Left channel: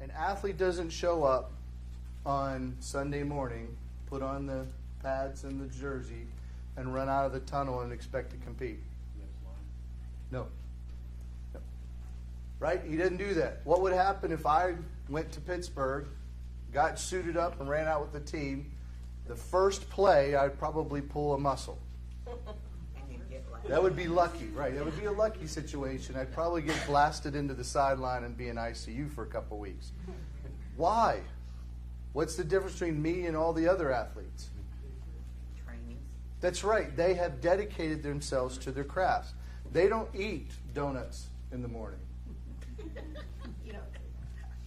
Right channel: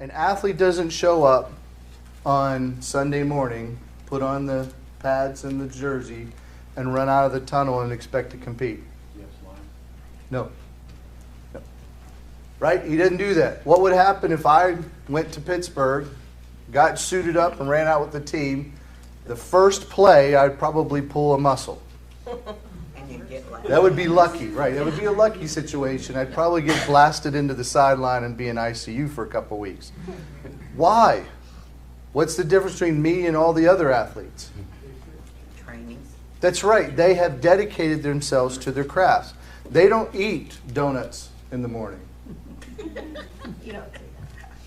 An athlete doesn't show up on Sunday morning, put on the pads and the jersey, and run out of the tunnel and expect to compete. Yes, line. No. No. Right? He didn't do that. What would happen if I went to Pittsburgh, got suited up, and ran out with the team? The first play, I'd probably pull a muscle. That would be lucky, right? That would be a lucky situation. I'd probably get blasted into the sideline and be in ICU for a couple weeks. Why? What's the difference between me and all the other athletes? Training. That's right. They have dedicated themselves to their crafts. They don't eat donuts in the morning. You don't do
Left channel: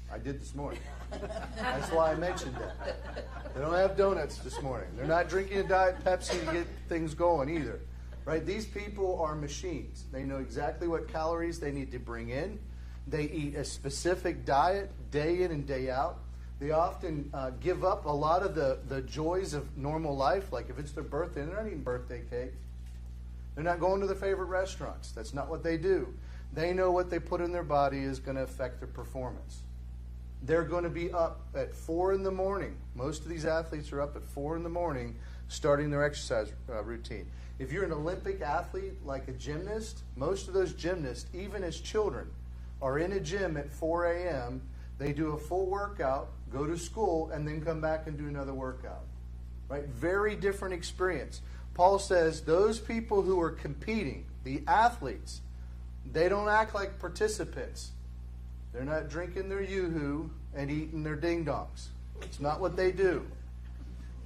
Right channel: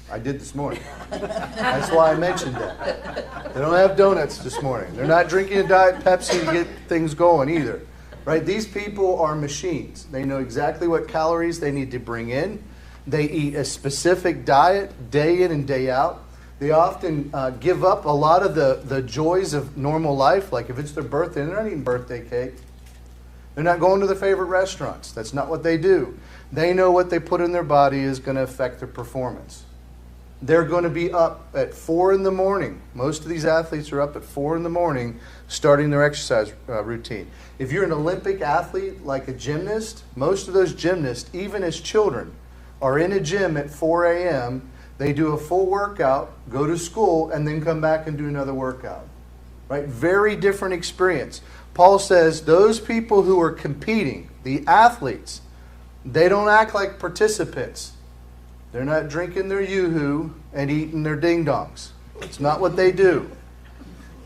that. I did this morning. That's why I mentioned that. They don't have donuts this morning. They're not drinking a Diet Pepsi to get things going either. Right? These people are machines. They know exactly what calories they need to bring in. They eat a specific diet day in and day out. They often give up a lot of the joys of normal life. Like if it's their birthday, they're not eating birthday cake. They're not going to their favorite restaurants. That's not what they do. They know what they put in their body is going to affect their performance. They're going to be up at 4 in the morning. Most of these athletes are up at 4 in the morning starting their exercise routine. If you're an Olympic athlete like a gymnast, most of those gymnasts, even as children, are in a gym at 4 a.m., they do a full workout, go to school, and then come back and do another workout. Right? Very different experience. Paul says those people who are competing, the athletes, they don't act like participants. They're not drinking their yoo-hoo and eating their ding-dongs. It's not what they do.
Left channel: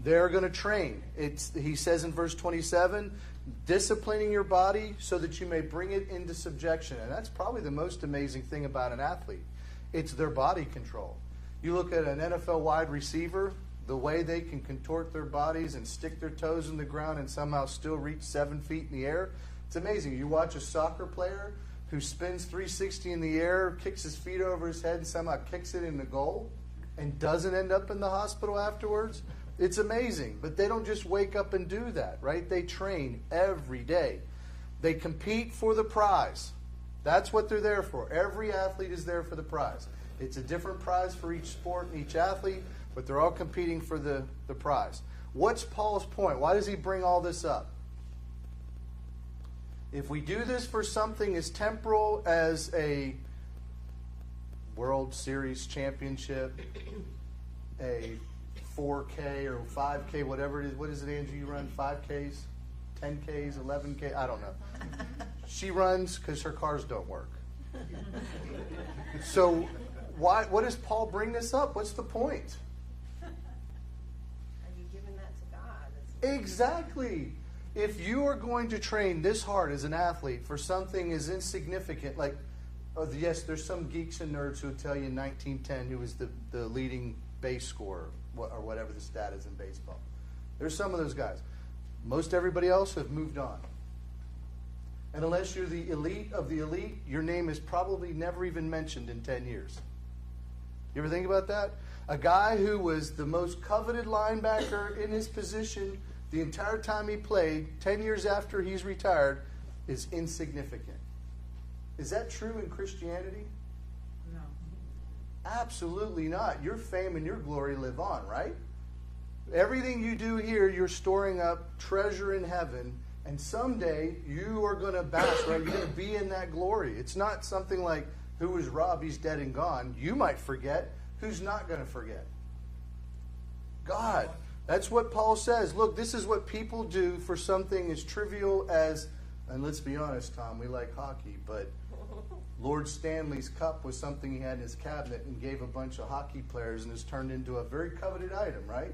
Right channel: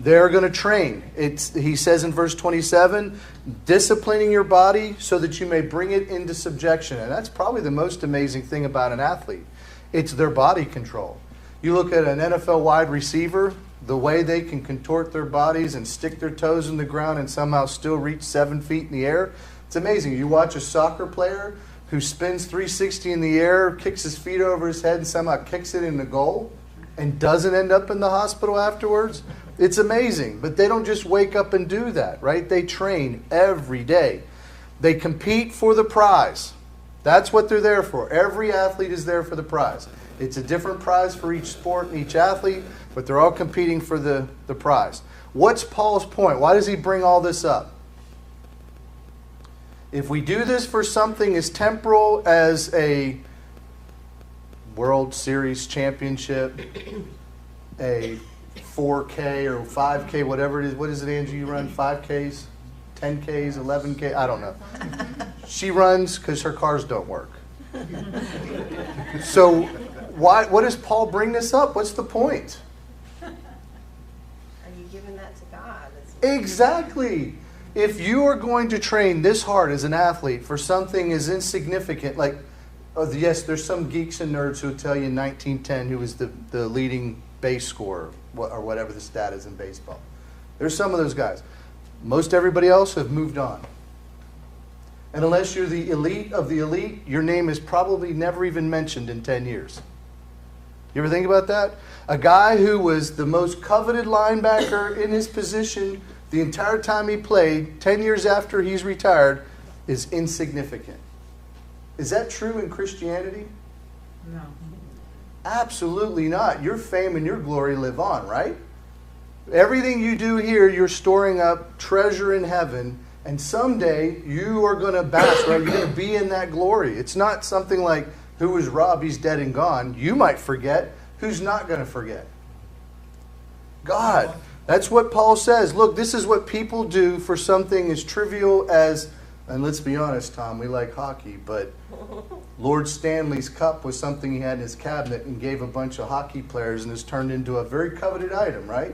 They're going to train. He says in verse 27, disciplining your body so that you may bring it into subjection. And that's probably the most amazing thing about an athlete. It's their body control. You look at an NFL wide receiver, the way they can contort their bodies and stick their toes in the ground and somehow still reach 7 feet in the air. It's amazing. You watch a soccer player who spins 360 in the air, kicks his feet over his head and somehow kicks it in the goal and doesn't end up in the hospital afterwards. It's amazing, but they don't just wake up and do that, right? They train every day. They compete for the prize. That's what they're there for. Every athlete is there for the prize. It's a different prize for each sport and each athlete, but they're all competing for the prize. What's Paul's point? Why does he bring all this up? If we do this for something as temporal as a World Series championship, a 4K or 5K, whatever it is. What is it, Angie? You run 5Ks, 10Ks, 11K? I don't know. She runs because her cars don't work. So what does Paul bring this up? What's the point? Are you giving that to God? Exactly. If you are going to train this hard as an athlete for something as insignificant, like, yes, there's some geeks and nerds who will tell you in 1910 who was the leading base scorer, or whatever the stat is in baseball. There's some of those guys. Most everybody else have moved on. And unless you're the elite of the elite, your name is probably never even mentioned in 10 years. You ever think about that? A guy who was the most coveted linebacker in his position the entire time he played, 10 years after he's retired, is insignificant. Is that true in Christianity? No. Absolutely not. Your fame and your glory live on, right? Everything you do here, you're storing up treasure in heaven, and someday you are going to bask, right? You're going to be in that glory. It's not something like, who was Rob? He's dead and gone. You might forget. Who's not going to forget? God. That's what Paul says. Look, this is what people do for something as trivial as, and let's be honest, Tom, we like hockey, but Lord Stanley's cup was something he had in his cabinet and gave a bunch of hockey players and has turned into a very coveted item, right?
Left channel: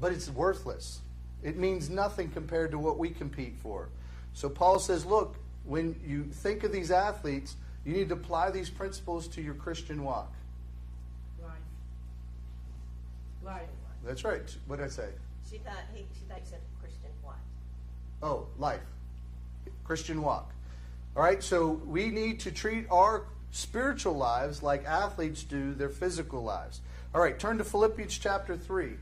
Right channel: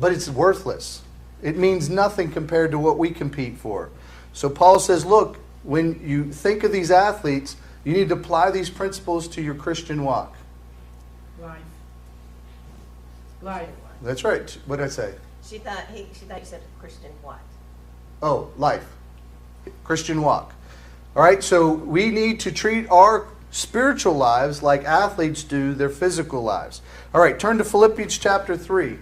But it's worthless. It means nothing compared to what we compete for. So Paul says, look, when you think of these athletes, you need to apply these principles to your Christian walk. Life. That's right. What did I say? She thought you said Christian what? Oh, life. Christian walk. All right, so we need to treat our spiritual lives like athletes do their physical lives. All right, turn to Philippians chapter 3.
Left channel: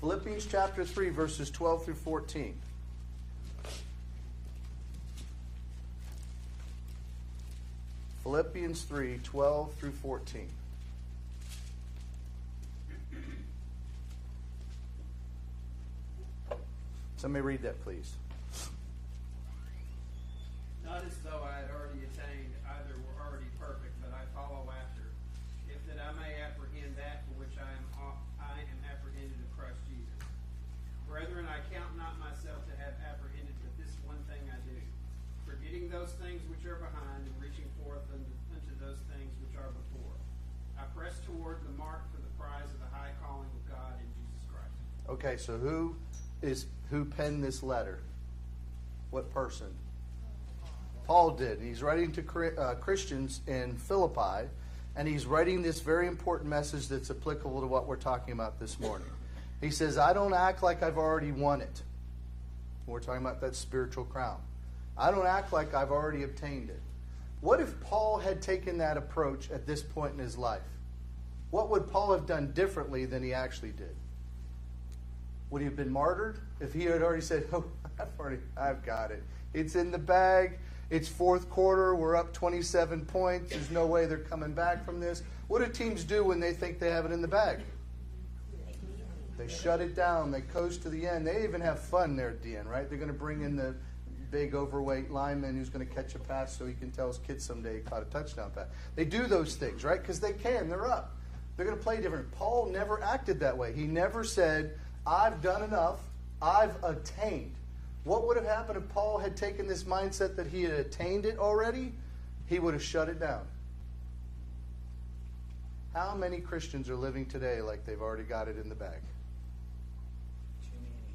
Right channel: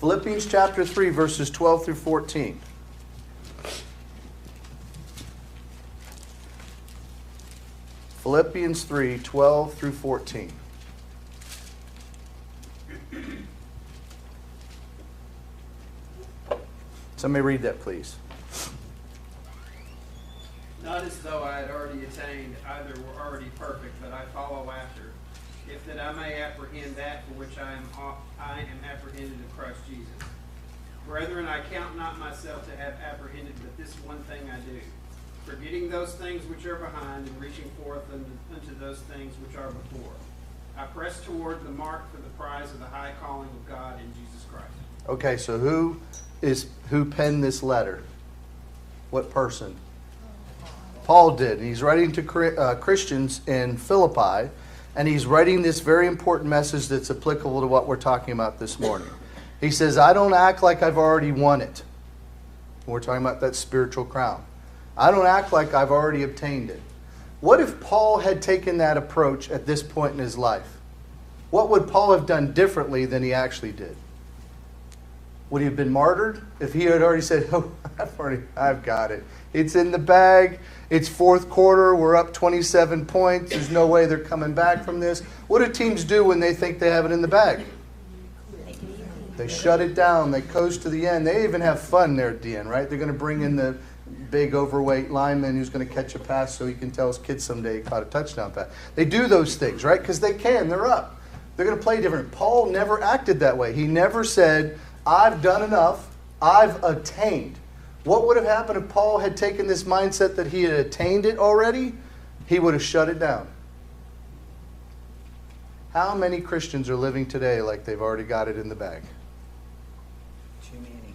Philippians chapter 3, verses 12 through 14. Philippians 3, 12 through 14. Somebody read that, please. Not as though I had already attained, either were already perfect, but I follow after, if that I may apprehend that for which I am apprehended of Christ Jesus. Brethren, I count not myself to have apprehended, but this one thing I do, forgetting those things which are behind and reaching forth unto those things which are before. I press toward the mark for the prize of the high calling of God in Jesus Christ. Okay, so who penned this letter? What person? Paul did. And he's writing to Christians in Philippi, and he's writing this very important message that's applicable to what we're talking about this morning. He says, I don't act like I've already won it. We're talking about that spiritual crown. I don't act like I've already obtained it. What if Paul had taken that approach at this point in his life? What would Paul have done differently than he actually did? Would he have been martyred if he had already said, oh, I've got it. It's in the bag. It's fourth quarter. We're up 27 points. There's no way they're coming back from this. What do teams do when they think they have it in the bag? They shut it down. They coast to the end. They even have fun there at the end, right? They're going to bring in the big overweight lineman who's going to catch a pass so he can tell his kids someday he caught a touchdown pass. They do those things, right? Because they can. They're up. They're going to play different. Paul never acted that way. He never said, I've done enough. I've attained. What would have happened if Paul had taken this mindset that he had attained it already? He would have shut it down. How many Christians are living today like they've already got it in the bag? Too many.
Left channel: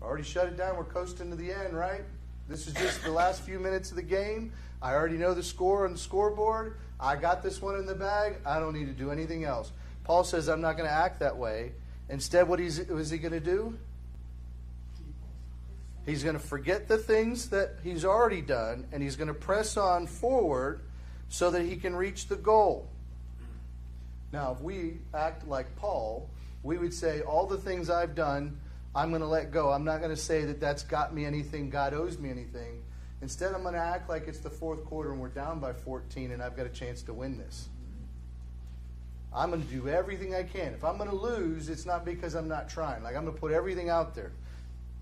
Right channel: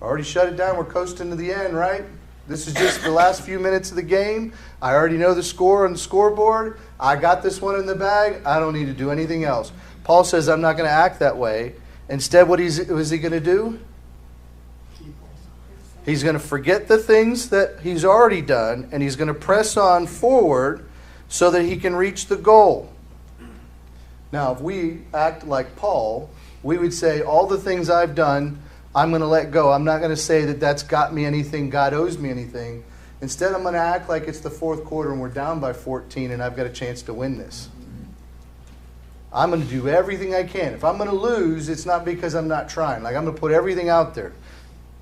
Already shut it down. We're coasting to the end, right? This is just the last few minutes of the game. I already know the score on the scoreboard. I got this one in the bag. I don't need to do anything else. Paul says, I'm not going to act that way. Instead, what is he going to do? He's going to forget the things that he's already done, and he's going to press on forward so that he can reach the goal. Now, if we act like Paul, we would say, all the things I've done, I'm going to let go. I'm not going to say that that's got me anything, God owes me anything. Instead, I'm going to act like it's the fourth quarter and we're down by 14 and I've got a chance to win this. I'm going to do everything I can. If I'm going to lose, it's not because I'm not trying. Like, I'm going to put everything out there.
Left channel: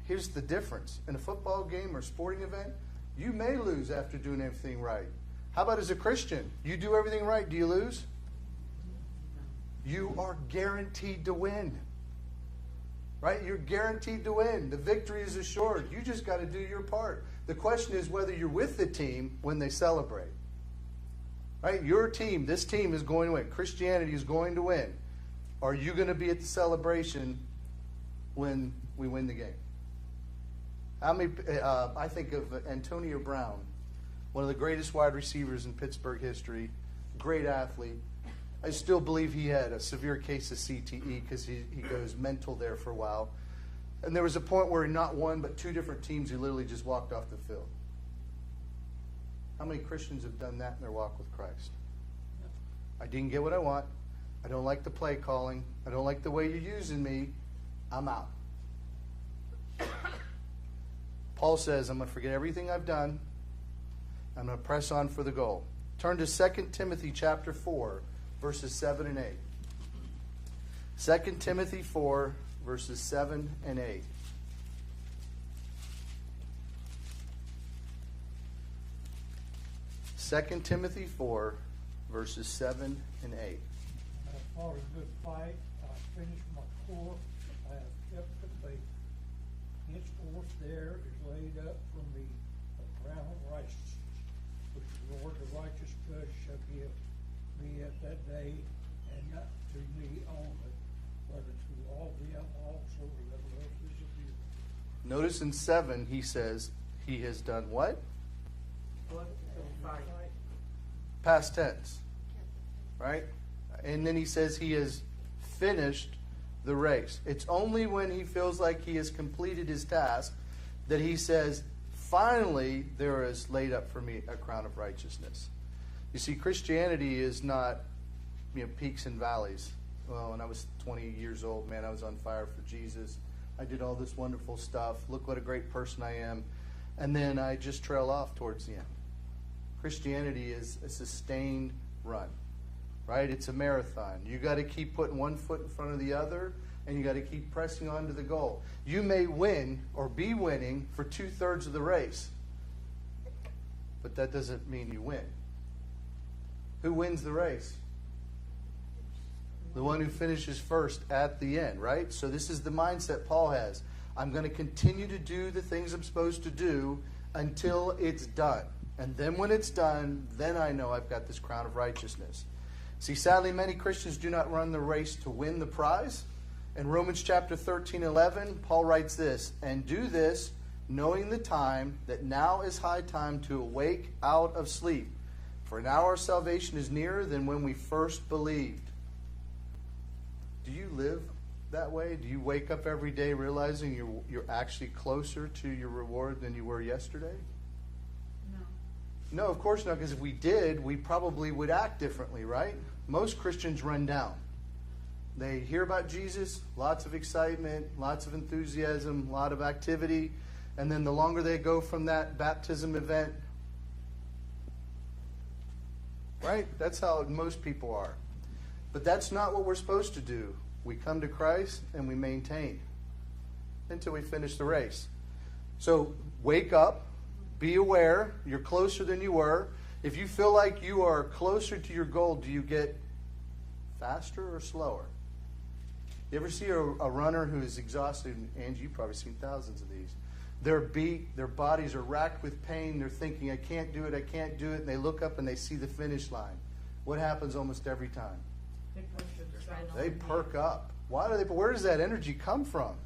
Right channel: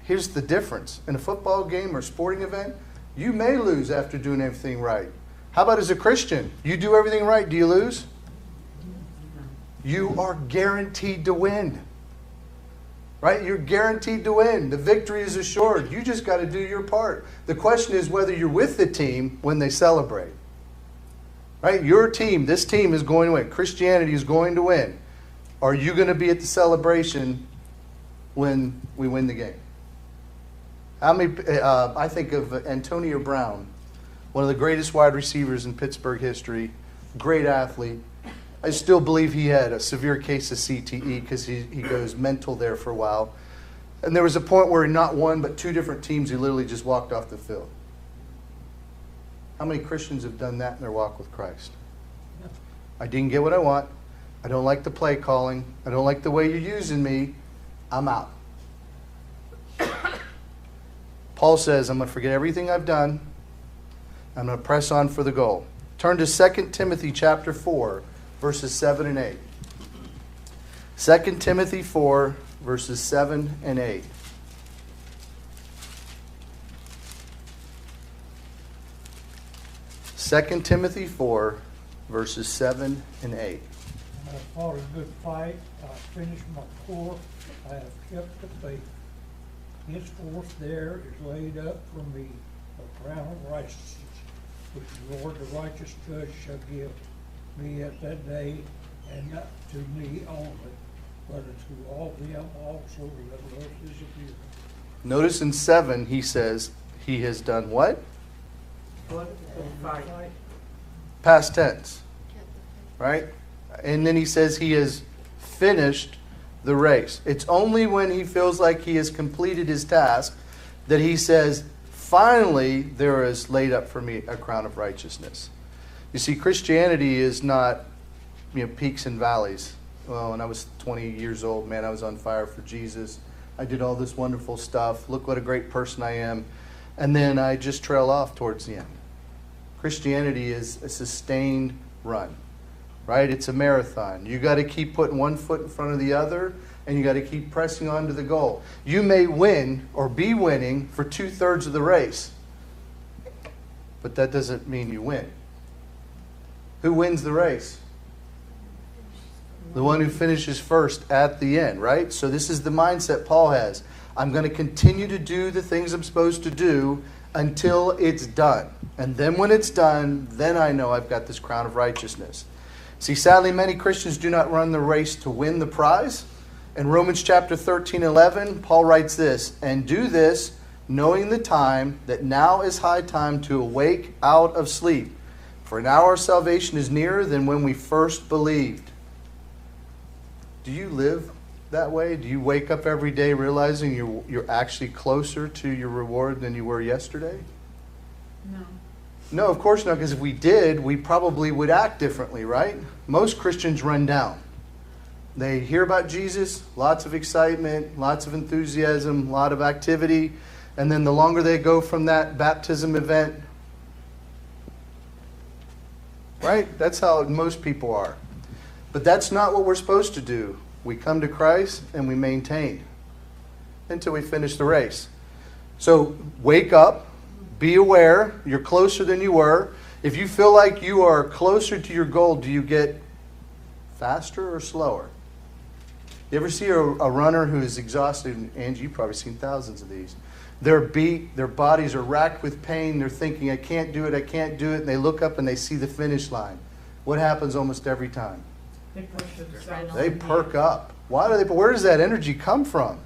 Here's the difference. In a football game or sporting event, you may lose after doing everything right. How about as a Christian? You do everything right, do you lose? You are guaranteed to win. Right? You're guaranteed to win. The victory is assured. You just got to do your part. The question is whether you're with the team when they celebrate. Right? Your team, this team is going to win. Christianity is going to win. Are you going to be at the celebration when we win the game? How many? I think of Antonio Brown, one of the greatest wide receivers in Pittsburgh history, great athlete. I still believe he had a severe case of CTE because he goes mental there for a while. And there was a point where not one but two different teams, he literally just walked off the field. How many Christians have done that in their walk with Christ? I didn't get what I want. I don't like the play calling. I don't like the way you're using me. I'm out. Paul says, I'm going to forget everything I've done. I'm going to press on for the goal. Turn to 2 Timothy chapter 4, verses 7 and 8. 2 Timothy 4, verses 7 and 8. Second Timothy 4, verses 7 and 8. I have fought a good fight, I have finished my course, I have kept the faith. Henceforth there is laid up for me a crown of righteousness, which the Lord the righteous judge shall give me at that day, and not to me only, but to all them also that love his appearing. Notice in 7 he says he has done what? Fight. Past tense. Right? And then he says he has finished the race. It's only when he feels like he has completed his task that he says, finally, there is laid up for me a crown of righteousness. You see, Christianity is not, peaks and valleys. Well, when I was 20 years old, man, I was on fire for Jesus. I did all this wonderful stuff. Look what a great person I am. And then I just trail off towards the end. Christianity is a sustained run, right? It's a marathon. You got to keep putting one foot in front of the other, and you got to keep pressing on to the goal. You may win or be winning for 2/3 of the race, but that doesn't mean you win. Who wins the race? The one who finishes first at the end, right? So this is the mindset Paul has. I'm going to continue to do the things I'm supposed to do until it's done. And then when it's done, then I know I've got this crown of righteousness. See, sadly, many Christians do not run the race to win the prize. In Romans chapter 13:11, Paul writes this, "And do this, knowing the time, that now is high time to awake out of sleep. For now our salvation is nearer than when we first believed." Do you live that way? Do you wake up every day realizing you're actually closer to your reward than you were yesterday? No, of course not, because if we did, we probably would act differently, right? Most Christians run down. They hear about Jesus, lots of excitement, lots of enthusiasm, a lot of activity, and then the longer they go from that baptism event, right? That's how most people are. But that's not what we're supposed to do. We come to Christ and we maintain until we finish the race. So wake up, be aware, you're closer than you were. If you feel like you are closer to your goal, do you get faster or slower? You ever see a runner who is exhausted? Angie, you've probably seen thousands of these. They're beat, their bodies are racked with pain, they're thinking, I can't do it, and they look up and they see the finish line. What happens almost every time? They perk up. Why do they? Where does that energy come from?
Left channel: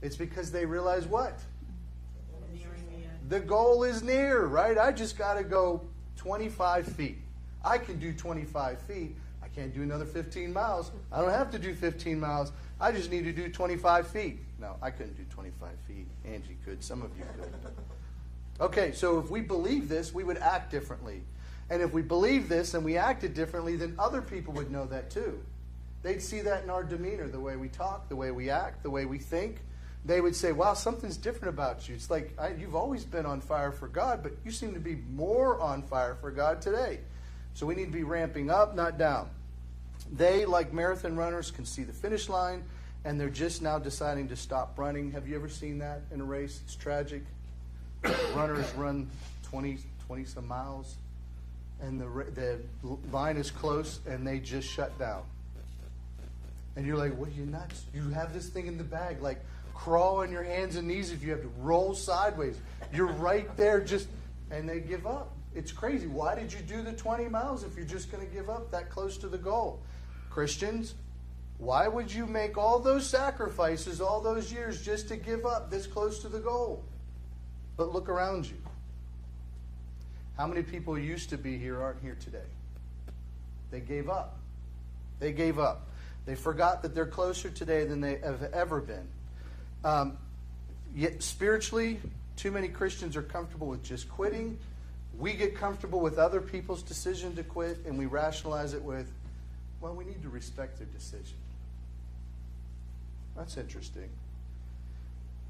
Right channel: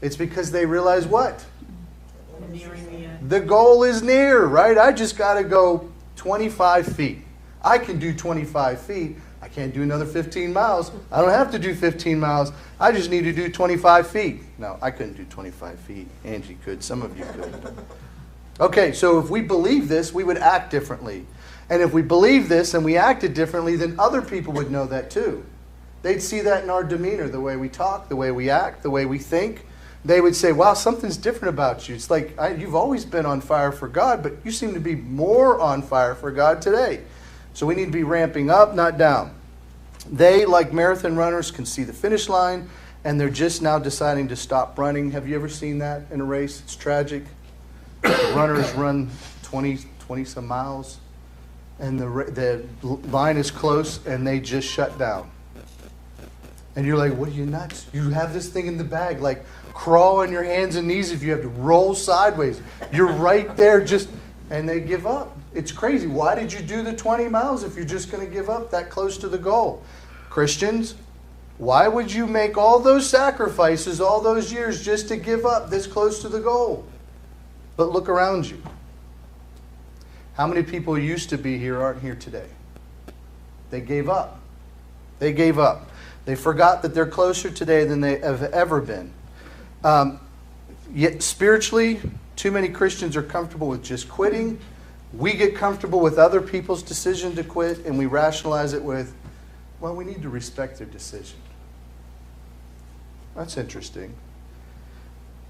It's because they realize what? The goal is near, right? I just got to go 25 feet. I can do 25 feet. I can't do another 15 miles. I don't have to do 15 miles. I just need to do 25 feet. No, I couldn't do 25 feet. Angie could. Some of you could. Okay, so if we believe this, we would act differently. And if we believe this and we acted differently, then other people would know that too. They'd see that in our demeanor, the way we talk, the way we act, the way we think. They would say, wow, something's different about you. It's like, you've always been on fire for God, but you seem to be more on fire for God today. So we need to be ramping up, not down. They, like marathon runners, can see the finish line, and they're just now deciding to stop running. Have you ever seen that in a race? It's tragic. Runners run 20 some miles, and the line is close, and they just shut down. And you're like, what, are you nuts? You have this thing in the bag, like crawl on your hands and knees if you have to roll sideways. You're right there and they give up. It's crazy. Why did you do the 20 miles if you're just going to give up that close to the goal? Christians, why would you make all those sacrifices all those years just to give up this close to the goal? But look around you. How many people used to be here aren't here today? They gave up. They gave up. They forgot that they're closer today than they have ever been. Yet spiritually, too many Christians are comfortable with just quitting. We get comfortable with other people's decision to quit, and we rationalize it with, well, we need to respect their decision. That's interesting.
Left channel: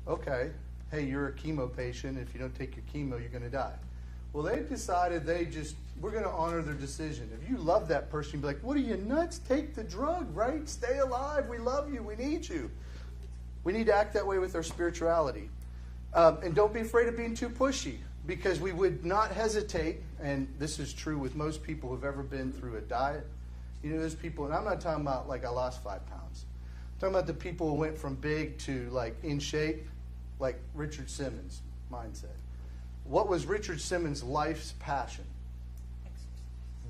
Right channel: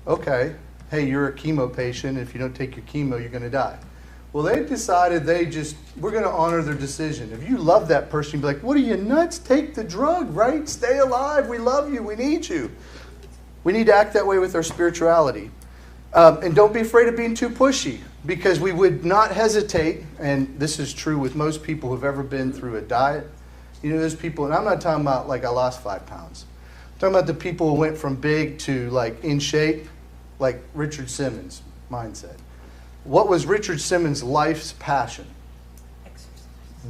Okay, hey, you're a chemo patient. If you don't take your chemo, you're going to die. Well, they've decided we're going to honor their decision. If you love that person, you'd be like, what are you, nuts? Take the drug, right? Stay alive. We love you. We need you. We need to act that way with our spirituality. And don't be afraid of being too pushy, because we would not hesitate, and this is true with most people who've ever been through a diet. You know, there's people, and I'm not talking about like I lost 5 pounds. I'm talking about the people who went from big to like in shape, like Richard Simmons' mindset. What was Richard Simmons' life's passion? Exercise.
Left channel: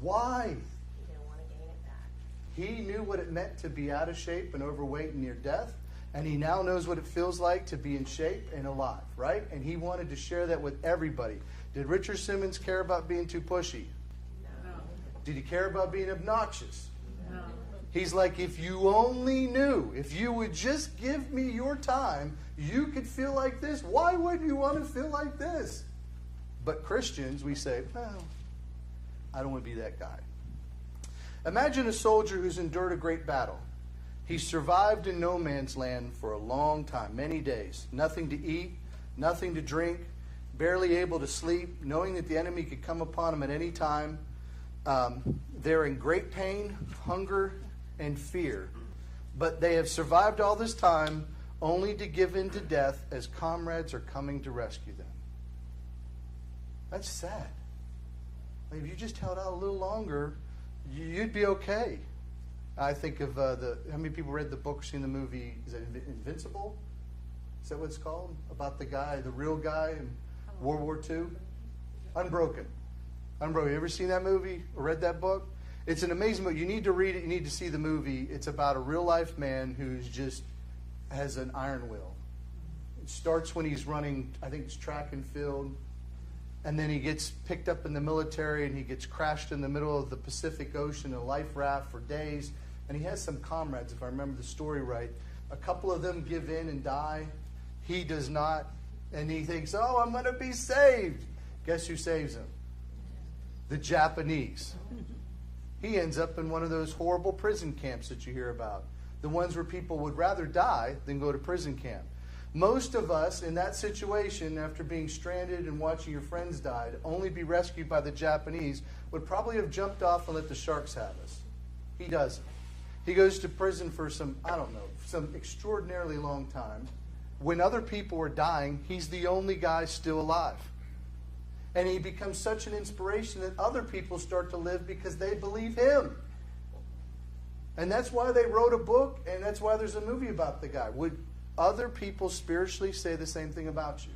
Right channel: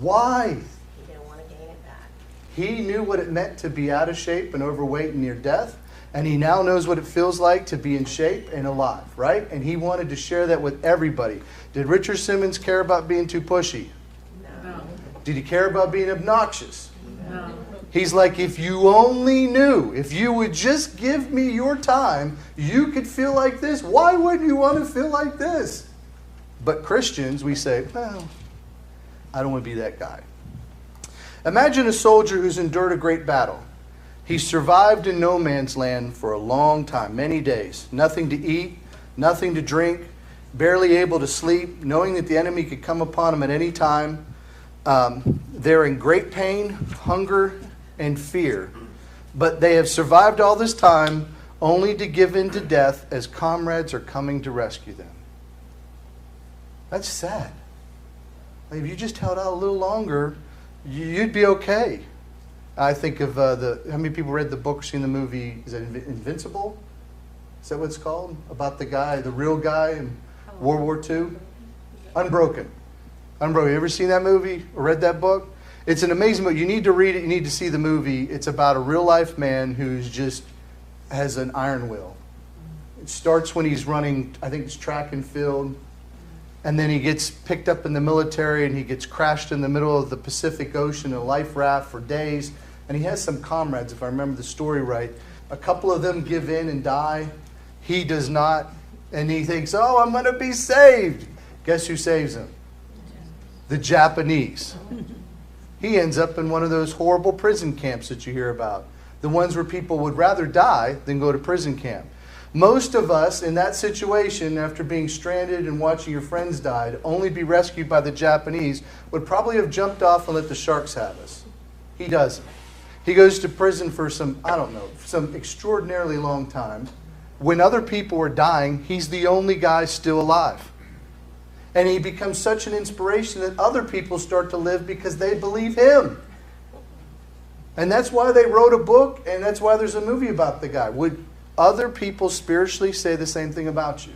Why? You didn't want to gain it back. He knew what it meant to be out of shape and overweight and near death, and he now knows what it feels like to be in shape and alive, right? And he wanted to share that with everybody. Did Richard Simmons care about being too pushy? No. Did he care about being obnoxious? No. He's like, if you only knew, if you would just give me your time, you could feel like this. Why wouldn't you want to feel like this? But Christians, we say, well, I don't want to be that guy. Imagine a soldier who's endured a great battle. He survived in no man's land for a long time, many days. Nothing to eat, nothing to drink. barely able to sleep, knowing that the enemy could come upon them at any time. They're in great pain, hunger, and fear. But they have survived all this time only to give in to death as comrades are coming to rescue them. That's sad. Like, if you just held out a little longer, you'd be okay. I think of how many people read the book, seen the movie, is it Invincible? Is that what it's called? About the guy, the real guy in World War II? Unbroken. Unbroken. You ever seen that movie or read that book? It's an amazing book. You need to read it. You need to see the movie. It's about a real life man who's just has an iron will. It starts when he's running, I think it's track and field, and then he gets picked up in the military and he gets crashed in the middle of the Pacific Ocean in a life raft for days. And he has some comrades, if I remember the story right. A couple of them give in and die. He does not. And he thinks, oh, I'm going to be saved. Guess who saves him? The Japanese. He ends up in one of those horrible prison camps that you hear about. The ones where people would rather die than go to prison camp. Most of us in that situation, after being stranded and watching your friends die, to only be rescued by the Japanese, would probably have jumped off and let the sharks have us. He doesn't. He goes to prison for some extraordinarily long time. When other people are dying, he's the only guy still alive. And he becomes such an inspiration that other people start to live because they believe him. And that's why they wrote a book, and that's why there's a movie about the guy. Would other people spiritually say the same thing about you?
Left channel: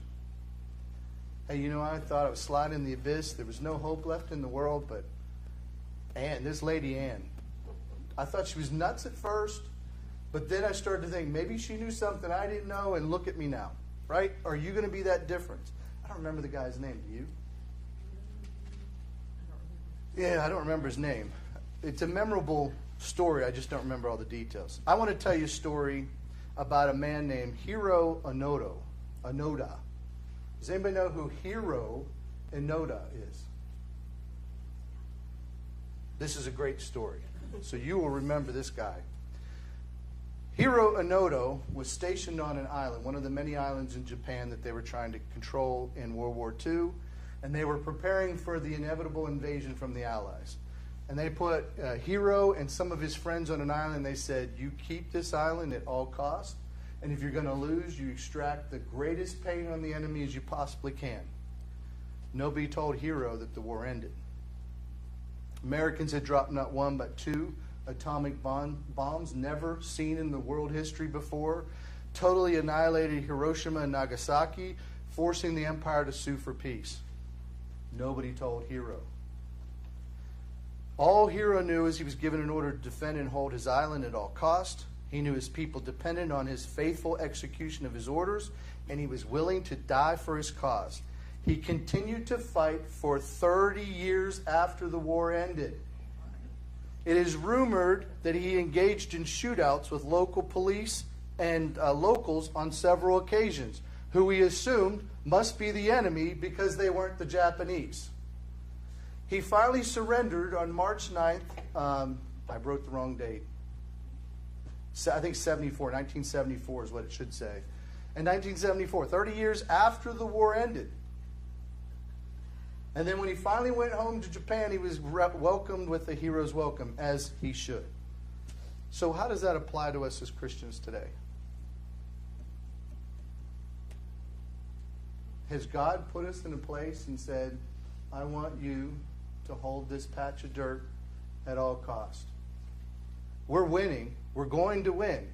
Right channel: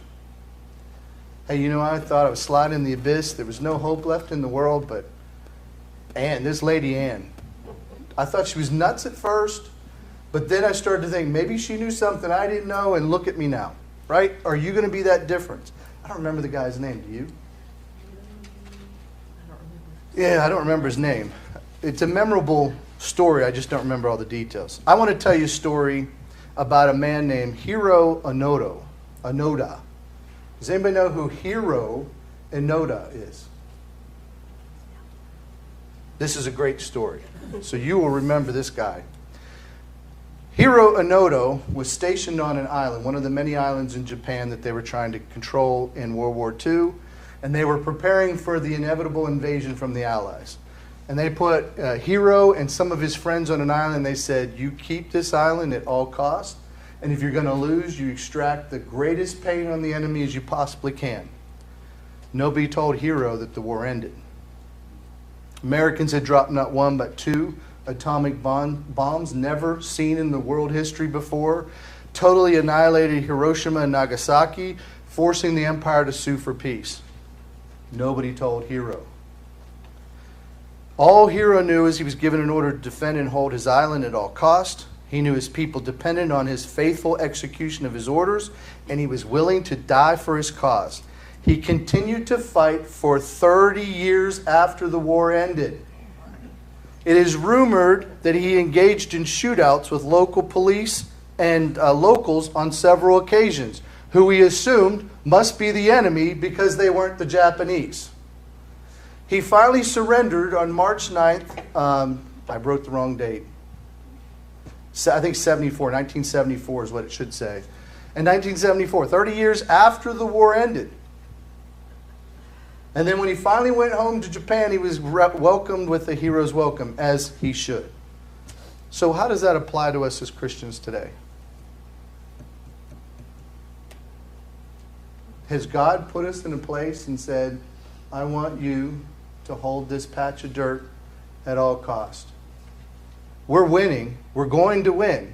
Hey, you know, I thought I was sliding in the abyss. There was no hope left in the world, but Ann, this lady Ann, I thought she was nuts at first, but then I started to think maybe she knew something I didn't know, and look at me now, right? Are you going to be that different? I don't remember the guy's name. Do you? Yeah, I don't remember his name. It's a memorable story. I just don't remember all the details. I want to tell you a story about a man named Hiro Onoda. Does anybody know who Hiro Onoda is? This is a great story. So you will remember this guy. Hiro Onoda was stationed on an island, one of the many islands in Japan that they were trying to control in World War II, and they were preparing for the inevitable invasion from the Allies. And they put Hiro and some of his friends on an island. They said, you keep this island at all costs, and if you're going to lose, you extract the greatest pain on the enemy as you possibly can. Nobody told Hiro that the war ended. Americans had dropped not one but two atomic bombs never seen in the world history before, totally annihilated Hiroshima and Nagasaki, forcing the empire to sue for peace. Nobody told Hiro. All Hiro knew is he was given an order to defend and hold his island at all cost. He knew his people depended on his faithful execution of his orders, and he was willing to die for his cause. He continued to fight for 30 years after the war ended. It is rumored that he engaged in shootouts with local police and locals on several occasions, who he assumed must be the enemy because they weren't the Japanese. He finally surrendered on March 9th. I wrote the wrong date. I think 1974 is what it should say. In 1974, 30 years after the war ended. And then when he finally went home to Japan, he was welcomed with a hero's welcome, as he should. So how does that apply to us as Christians today? Has God put us in a place and said, I want you to hold this patch of dirt at all cost? We're winning. We're going to win.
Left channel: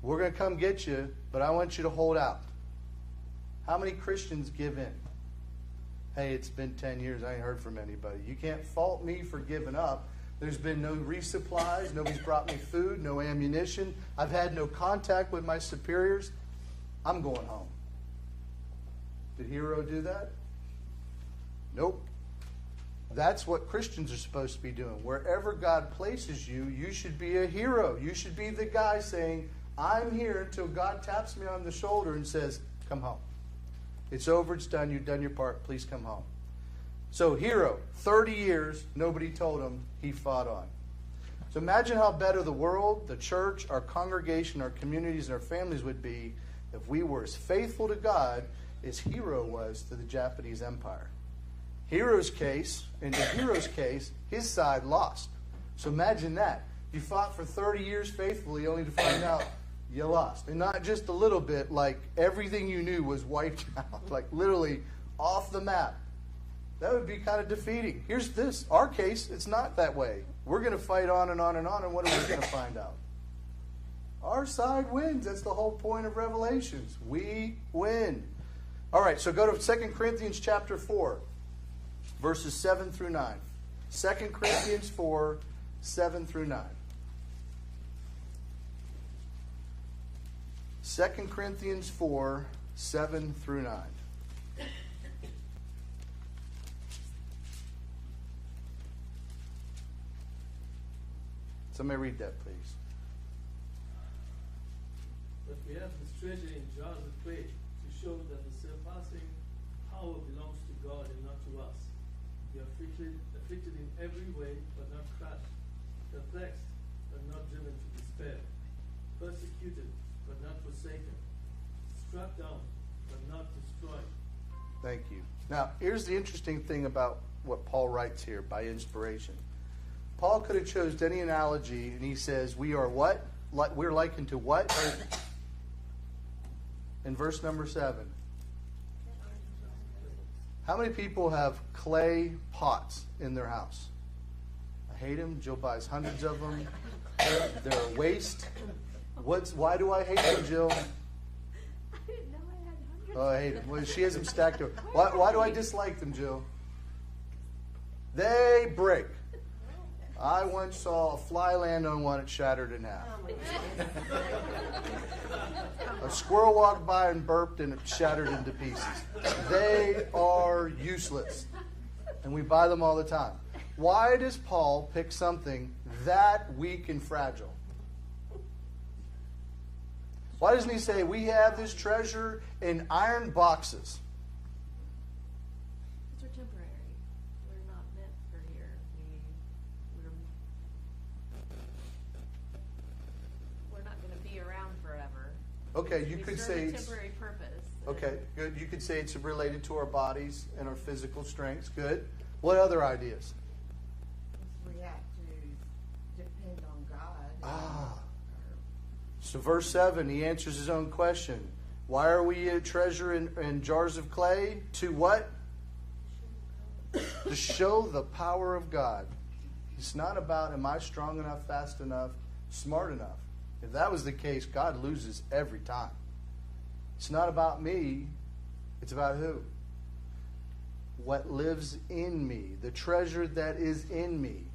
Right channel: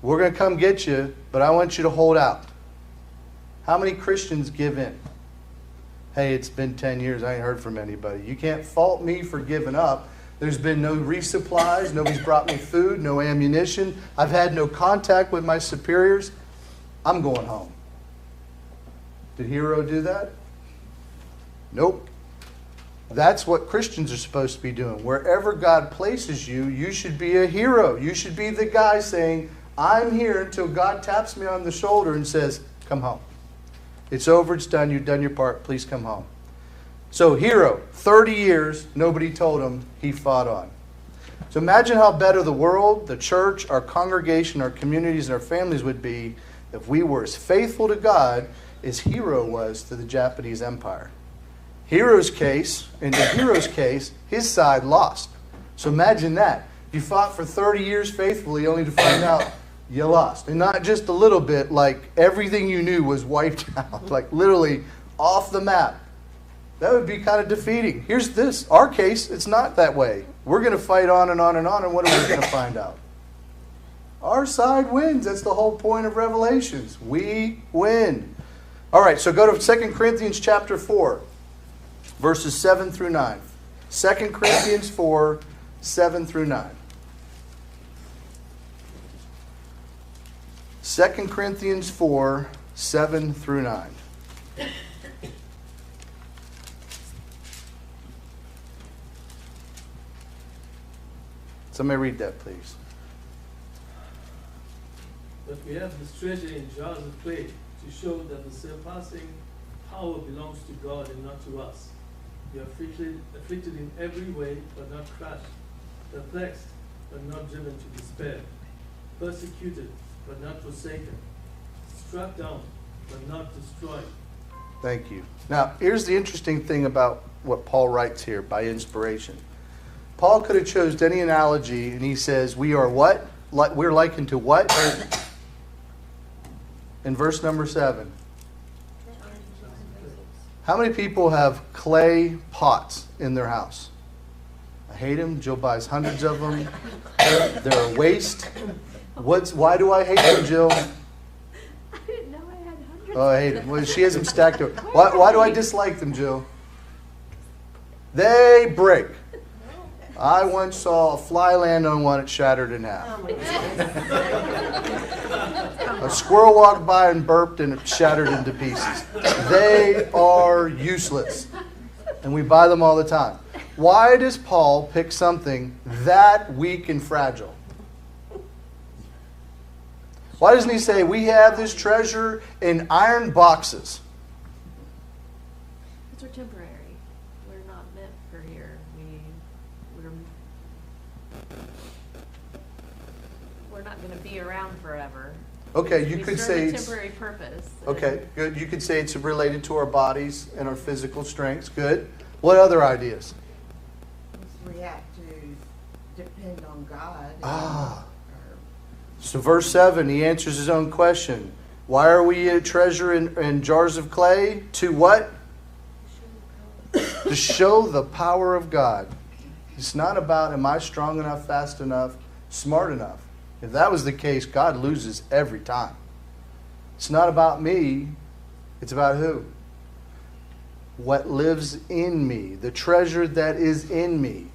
We're going to come get you, but I want you to hold out. How many Christians give in? Hey, it's been 10 years. I ain't heard from anybody. You can't fault me for giving up. There's been no resupplies. Nobody's brought me food, no ammunition. I've had no contact with my superiors. I'm going home. Did Hiro do that? Nope. That's what Christians are supposed to be doing. Wherever God places you, you should be a hero. You should be the guy saying, I'm here until God taps me on the shoulder and says, come home. It's over, it's done, you've done your part, please come home. So Hiro, 30 years, nobody told him, he fought on. So imagine how better the world, the church, our congregation, our communities, and our families would be if we were as faithful to God as Hiro was to the Japanese Empire. Hiro's case, in Hiro's case, his side lost. So imagine that. You fought for 30 years faithfully only to find out you lost. And not just a little bit, like everything you knew was wiped out, like literally off the map. That would be kind of defeating. Here's this. Our case, it's not that way. We're going to fight on and on and on, and what are we going to find out? Our side wins. That's the whole point of Revelations. We win. All right, so go to 2 Corinthians chapter 4, verses 7 through 9. 2 Corinthians 4, 7 through 9. 2 Corinthians 4, 7 through 9. Somebody read that, please. But we have this treasure in jars of clay to show that the surpassing power belongs to God and not to us. We are afflicted in every way, but not crushed, perplexed, but not driven to despair, persecuted, but not forsaken, struck down, but not destroyed. Thank you. Now, here's the interesting thing about what Paul writes here by inspiration. Paul could have chosen any analogy, and he says, we are what? We're likened to what? In verse number 7. How many people have clay pots in their house? I hate them. Jill buys hundreds of them. They're a waste. Why do I hate them, Jill? I didn't know I had hundreds. Oh, I hate them. Well, she has them stacked up. Why do I dislike them, Jill? They break. I once saw a fly land on one, it shattered in half. Oh my goodness. A squirrel walked by and burped and it shattered into pieces. They are useless. And we buy them all the time. Why does Paul pick something that weak and fragile? Why doesn't he say, we have this treasure in iron boxes? These are temporary. We're not meant for here. We're not going to be around forever. Okay, you We could serve say a it's... temporary purpose. Okay, good. You could say it's related to our bodies and our physical strengths. Good. What other ideas? We have to depend on God. Ah. So verse 7, he answers his own question. Why are we a treasure in jars of clay? To what? To show the power of God. It's not about, am I strong enough, fast enough, smart enough? If that was the case, God loses every time. It's not about me. It's about who? What lives in me. The treasure that is in me.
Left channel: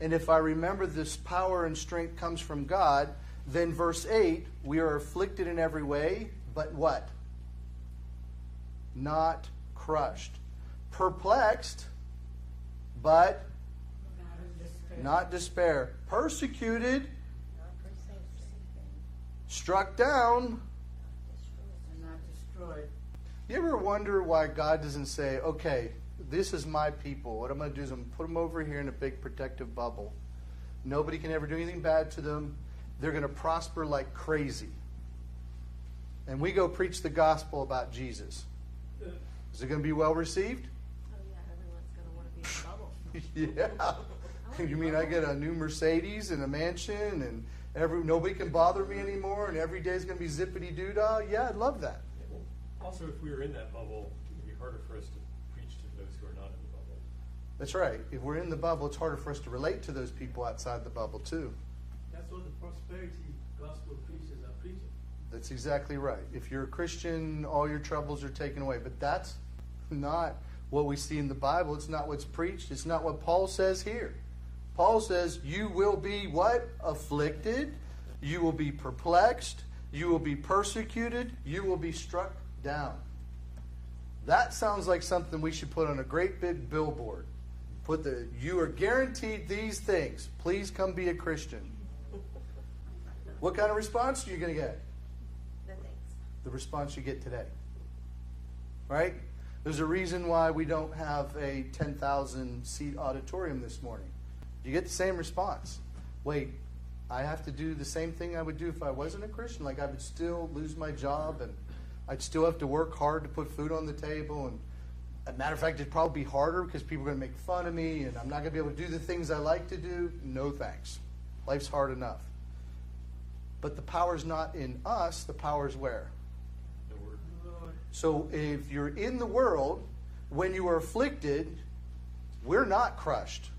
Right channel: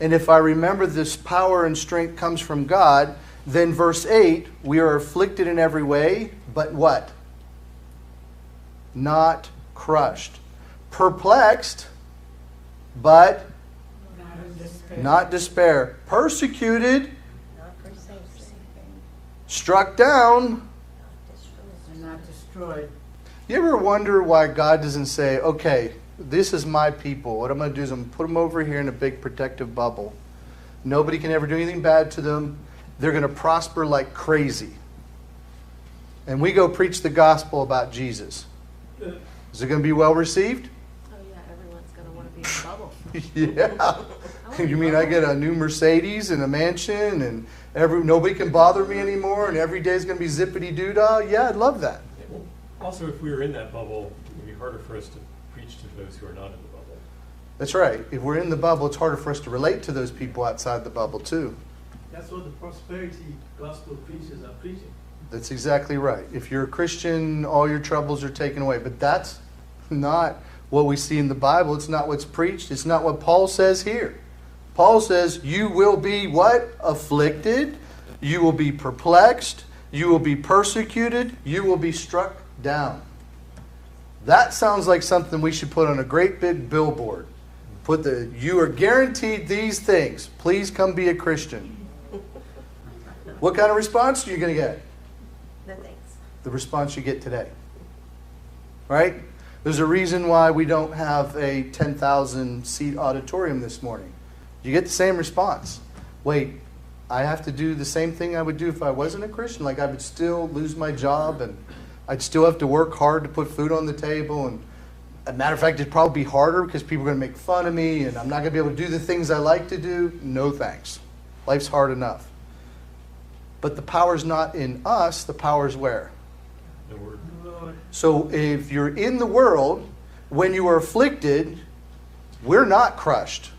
And if I remember this power and strength comes from God, then verse 8, we are afflicted in every way, but what? Not crushed. Perplexed, but not despair. Persecuted, Not forsaken. struck down. And not destroyed. You ever wonder why God doesn't say, okay, this is my people. What I'm going to do is I'm going to put them over here in a big protective bubble. Nobody can ever do anything bad to them. They're going to prosper like crazy. And we go preach the gospel about Jesus. Is it going to be well received? Oh yeah, everyone's going to want to be in the bubble. Yeah. You mean I get a new Mercedes and a mansion and nobody can bother me anymore and every day is going to be zippity-doo-dah? Yeah, I'd love that. Also, if we were in that bubble, it would be harder for us to preach to those who are not in the bubble. That's right. If we're in the bubble, it's harder for us to relate to those people outside the bubble too. That's what the prosperity gospel preachers are preaching. That's exactly right. If you're a Christian, all your troubles are taken away. But that's not what we see in the Bible. It's not what's preached. It's not what Paul says here. Paul says you will be what? Afflicted. You will be perplexed. You will be persecuted. You will be struck down. That sounds like something we should put on a great big billboard. You are guaranteed these things. Please come be a Christian. What kind of response are you going to get? No thanks. The response you get today. Right? There's a reason why we don't have a 10,000 seat auditorium this morning. You get the same response. Wait, I have to do the same thing I would do if I wasn't a Christian? Like I would still lose my job and I'd still have to work hard to put food on the table. And as a matter of fact, it'd probably be harder because people are going to make fun of me and I'm not going to be able to do the things I like to do. No thanks. Life's hard enough. But the power's not in us. The power's where? The word. Lord, So if you're in the world, when you are afflicted, we're not crushed.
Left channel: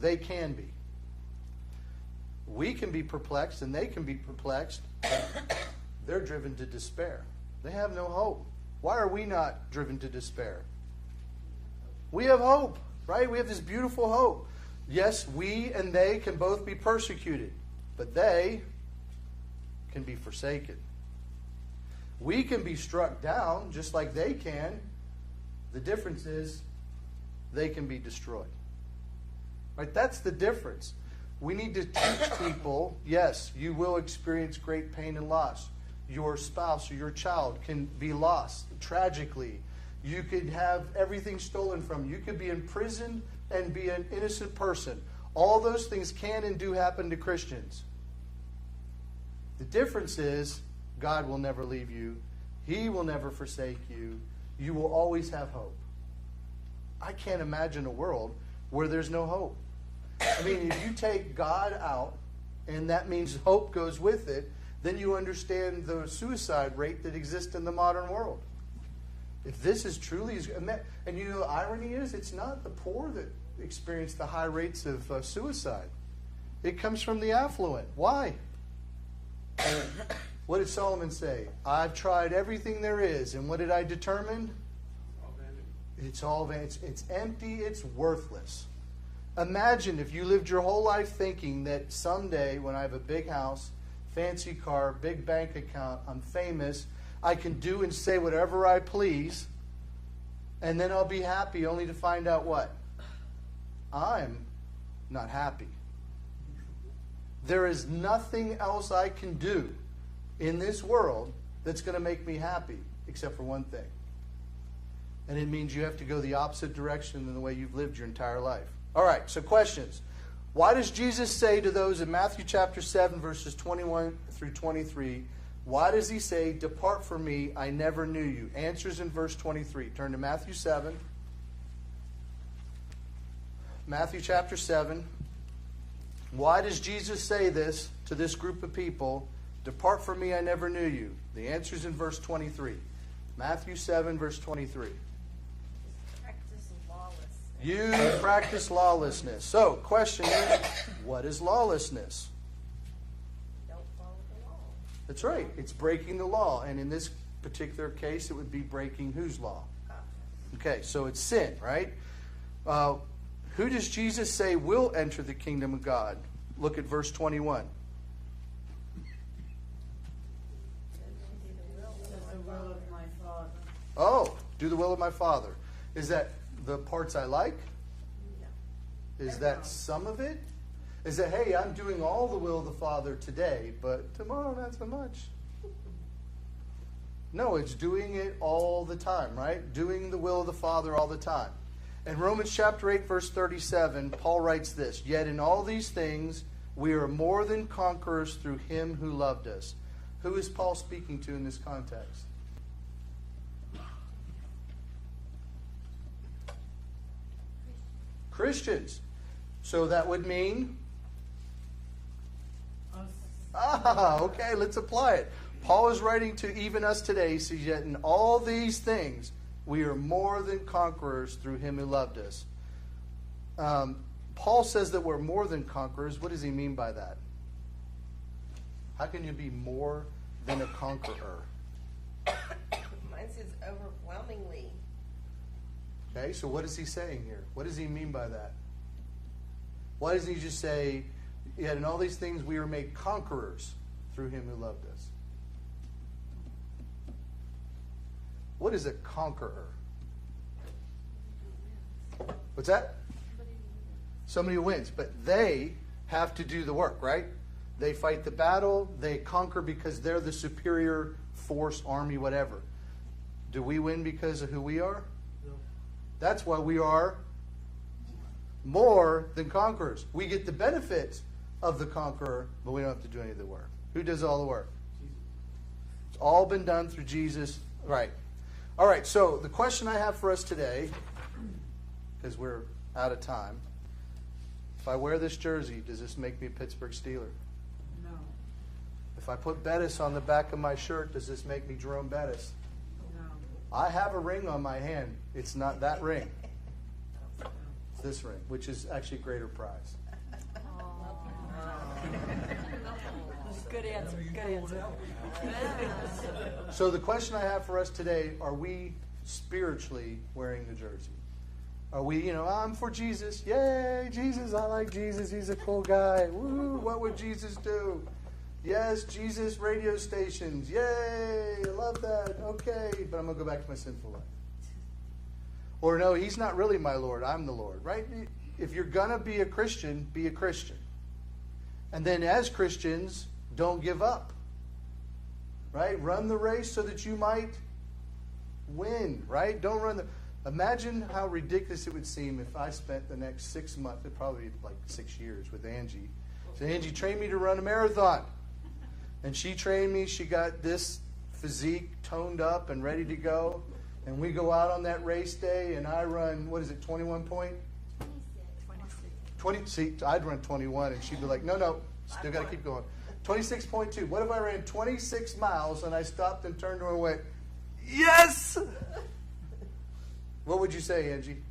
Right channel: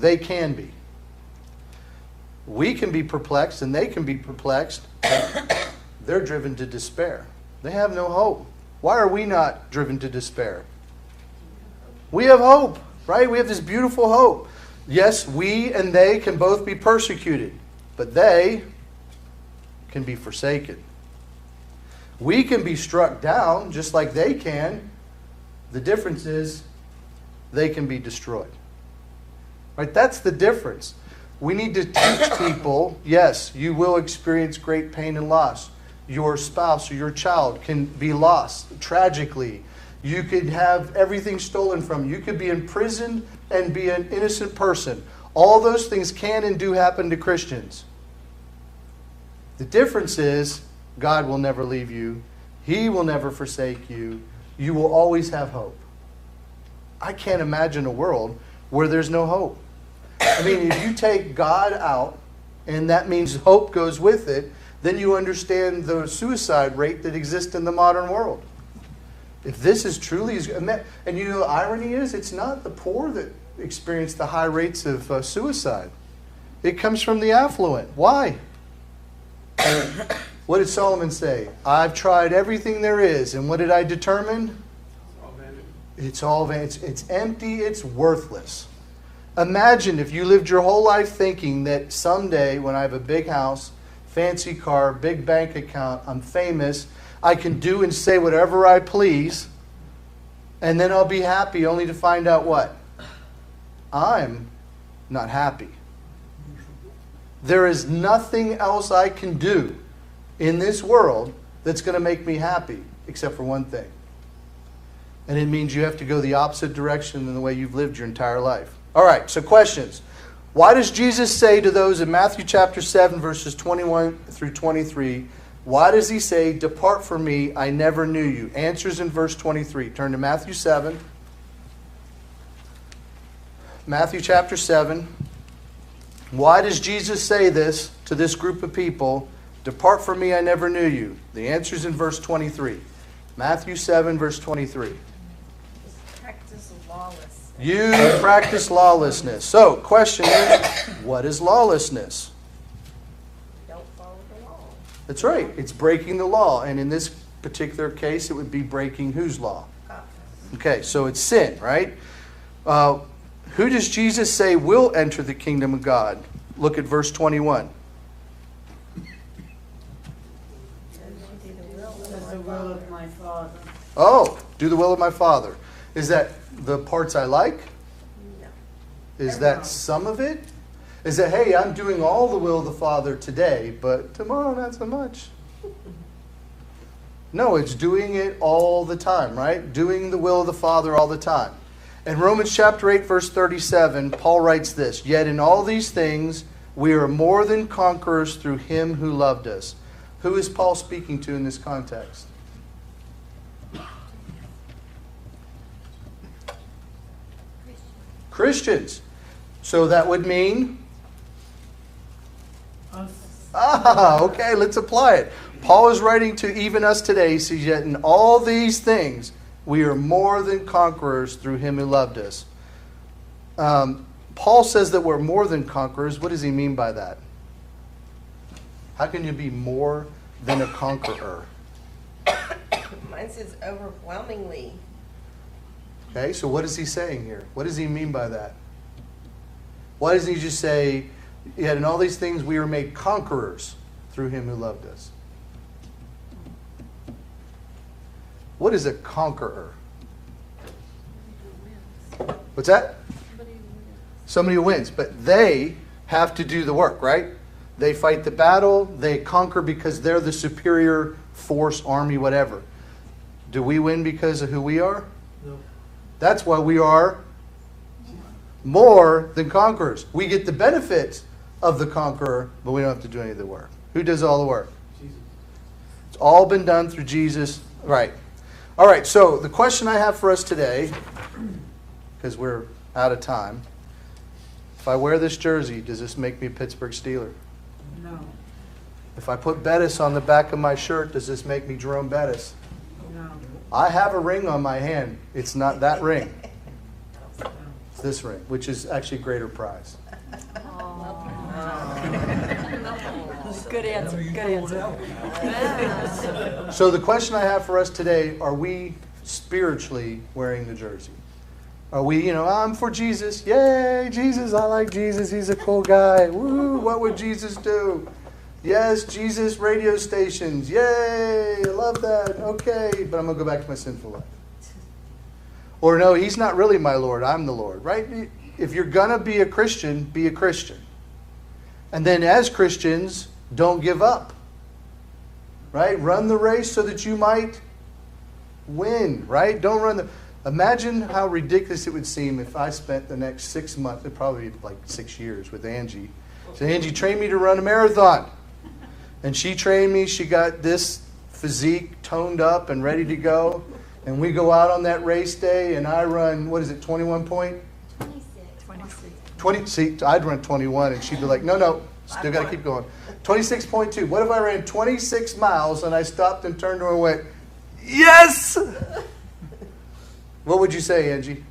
They can be. We can be perplexed and they can be perplexed. They're driven to despair. They have no hope. Why are we not driven to despair? We have hope, right? We have this beautiful hope. Yes, we and they can both be persecuted, but they can be forsaken. We can be struck down just like they can. The difference is they can be destroyed. Right? That's the difference. We need to teach people, yes, you will experience great pain and loss. Your spouse or your child can be lost tragically. You could have everything stolen from you. You could be imprisoned and be an innocent person. All those things can and do happen to Christians. The difference is God will never leave you. He will never forsake you. You will always have hope. I can't imagine a world where there's no hope. I mean, if you take God out, and that means hope goes with it, then you understand the suicide rate that exists in the modern world. If this is truly, and you know, the irony is, it's not the poor that experience the high rates of suicide. It comes from the affluent. Why? What did Solomon say? I've tried everything there is, and what did I determine? All vanity. It's all vanity. It's empty. It's worthless. Imagine if you lived your whole life thinking that someday when I have a big house, fancy car, big bank account, I'm famous, I can do and say whatever I please, and then I'll be happy only to find out what? I'm not happy. There is nothing else I can do in this world that's going to make me happy except for one thing. And it means you have to go the opposite direction than the way you've lived your entire life. All right, so questions. Why does Jesus say to those in Matthew chapter 7, verses 21 through 23, why does he say, depart from me, I never knew you? Answers in verse 23. Turn to Matthew 7. Matthew chapter 7. Why does Jesus say this to this group of people? Depart from me, I never knew you. The answer's in verse 23. Matthew 7, verse 23. Practice lawlessness. You practice lawlessness. So, question is, what is lawlessness? Don't follow the law. That's right. It's breaking the law. And in this particular case, it would be breaking whose law? Okay, so it's sin, right? Who does Jesus say will enter the kingdom of God? Look at verse 21. That's the will of my Father. Oh, do the will of my Father. Is that the parts I like? No. Is that some of it? Is that, hey, I'm doing all the will of the Father today, but tomorrow not so much? No, it's doing it all the time, right? Doing the will of the Father all the time. In Romans chapter 8, verse 37, Paul writes this, yet in all these things we are more than conquerors through him who loved us. Who is Paul speaking to in this context? Christians. So that would mean? us. Okay, let's apply it. Paul is writing to even us today. He says, yet in all these things, we are more than conquerors through him who loved us. Paul says that we're more than conquerors. What does he mean by that? How can you be more than a conqueror? Mine says overwhelmingly. Okay, so what is he saying here? What does he mean by that? Why doesn't he just say, yet in all these things we were made conquerors through him who loved us? What is a conqueror? What's that? Somebody who wins. But they have to do the work, right? They fight the battle. They conquer because they're the superior force, army, whatever. Do we win because of who we are? No. That's why we are more than conquerors. We get the benefits of the conqueror, but we don't have to do any of the work. Who does all the work? Jesus. It's all been done through Jesus. Right. All right, so the question I have for us today, because we're out of time, if I wear this jersey, does this make me a Pittsburgh Steeler? No, If I put Bettis on the back of my shirt, does this make me Jerome Bettis? no, I have a ring on my hand. It's not that ring. It's this ring, which is actually a greater prize. Good answer, good answer. So the question I have for us today, are we spiritually wearing the jersey? Are we, I'm for Jesus. Yay, Jesus, I like Jesus. He's a cool guy. Woo, what would Jesus do? Yes, Jesus radio stations. Yay, I love that. Okay, but I'm going to go back to my sinful life. Or no, he's not really my Lord. I'm the Lord, right? If you're going to be a Christian, be a Christian. And then as Christians, don't give up. Right? Run the race so that you might win, right? Don't run the... Imagine how ridiculous it would seem if I spent the next 6 months, it'd probably be like 6 years with Angie. So Angie trained me to run a marathon. And she trained me, she got this physique toned up and ready to go. And we go out on that race day and I run, 21 point? 20, see, I'd run 21 and she'd be like, no, still got to keep going. 26.2. What if I ran 26 miles and I stopped and turned to her and went, yes! What would you say, Angie?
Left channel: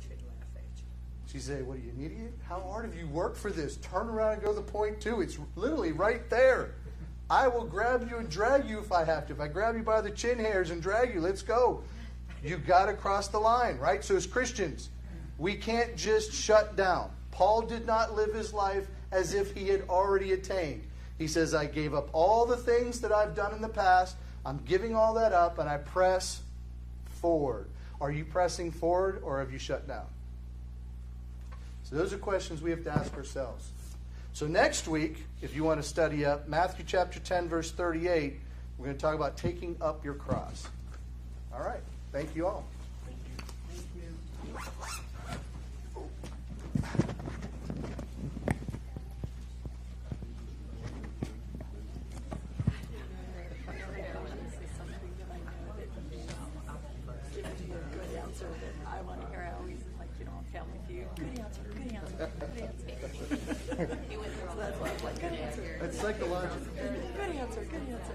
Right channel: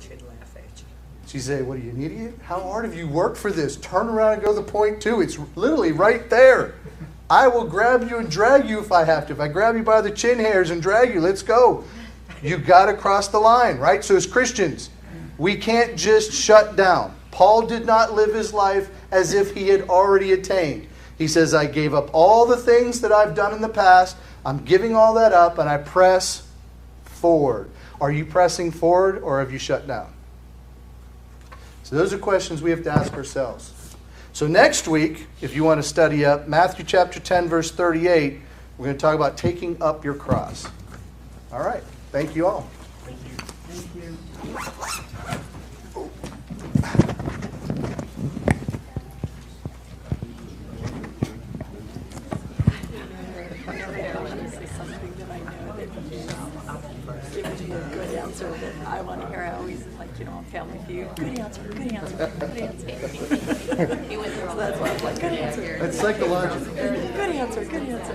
She'd laugh at you. She'd say, what are you, an idiot? How hard have you worked for this? Turn around and go to the point 2. It's literally right there. I will grab you and drag you if I have to. If I grab you by the chin hairs and drag you, let's go. You've got to cross the line, right? So as Christians, we can't just shut down. Paul did not live his life as if he had already attained. He says, I gave up all the things that I've done in the past. I'm giving all that up and I press forward. Are you pressing forward or have you shut down? So those are questions we have to ask ourselves. So next week, if you want to study up, Matthew chapter 10, verse 38, we're going to talk about taking up your cross. All right. Thank you all. thank you. Good answer that I want to hear. I always like, on Family Feud. Good answer, good answer, good answer. He went through all That's why I was like, good answer. That's psychological. Good answer, good answer.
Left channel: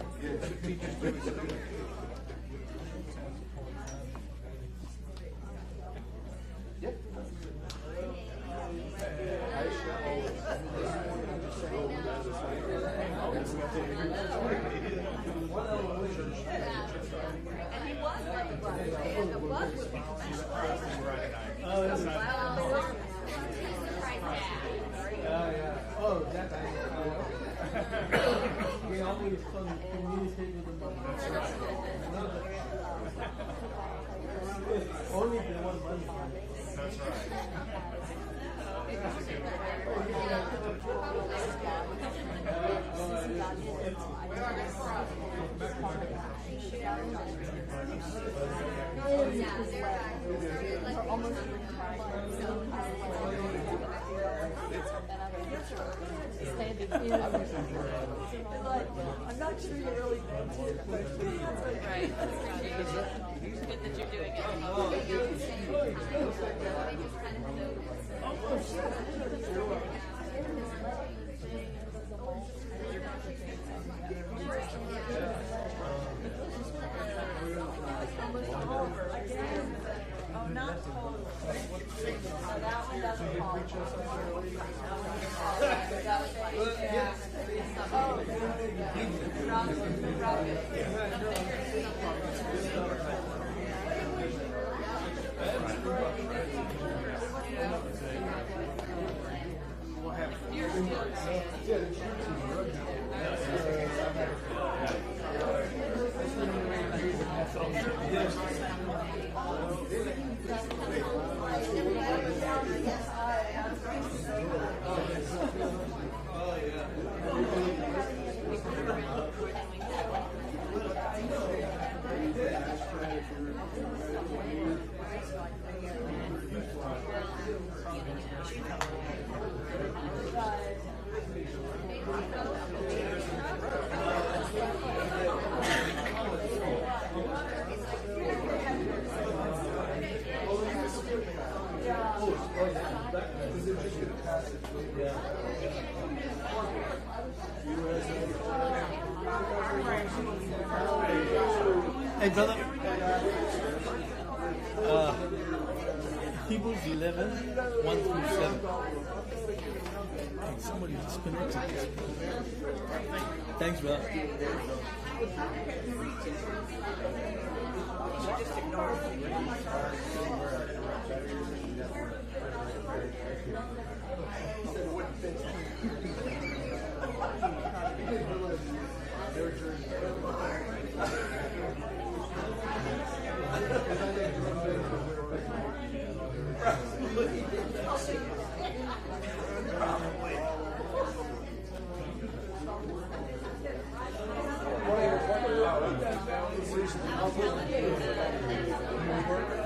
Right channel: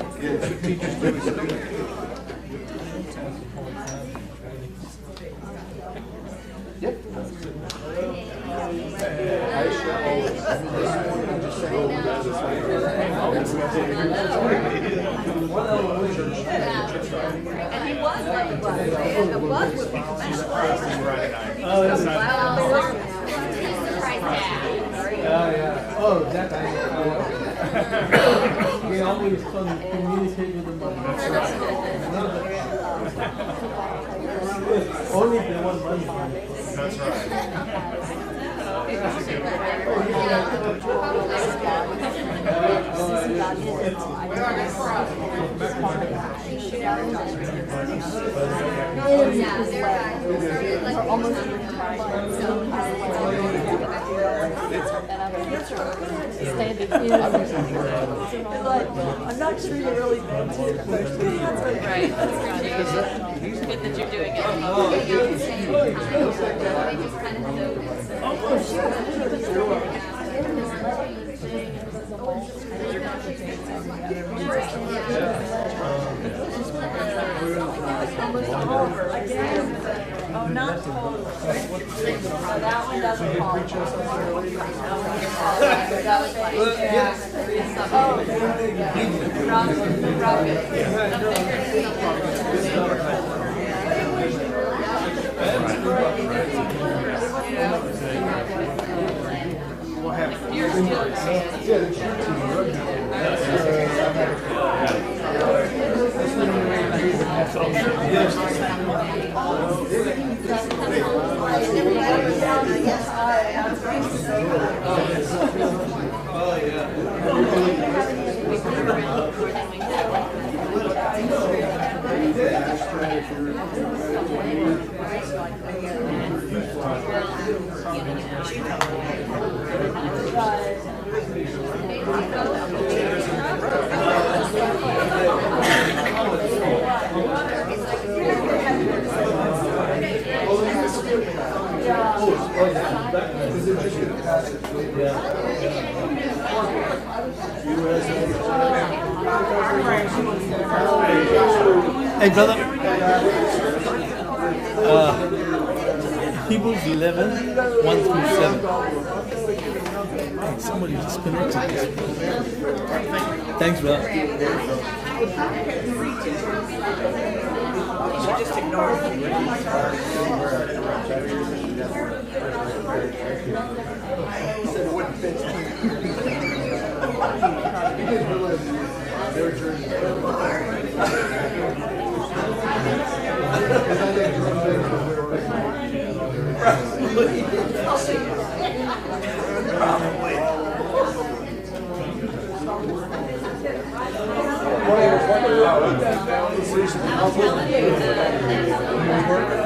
Yep. And he was like, the bug would be Oh, that I we always communicate with the money. Only if they want money. That's Standing in. Like, I'm not sure you really meant it, but good answer. Right, that's good. Good that you're doing it. Oh, not totally. Oh, that one doesn't fall. That was like, yeah. Hey, brother. Hebrews 11, 1 through 7. Hey, somebody disconnected this. Thanks, brother. What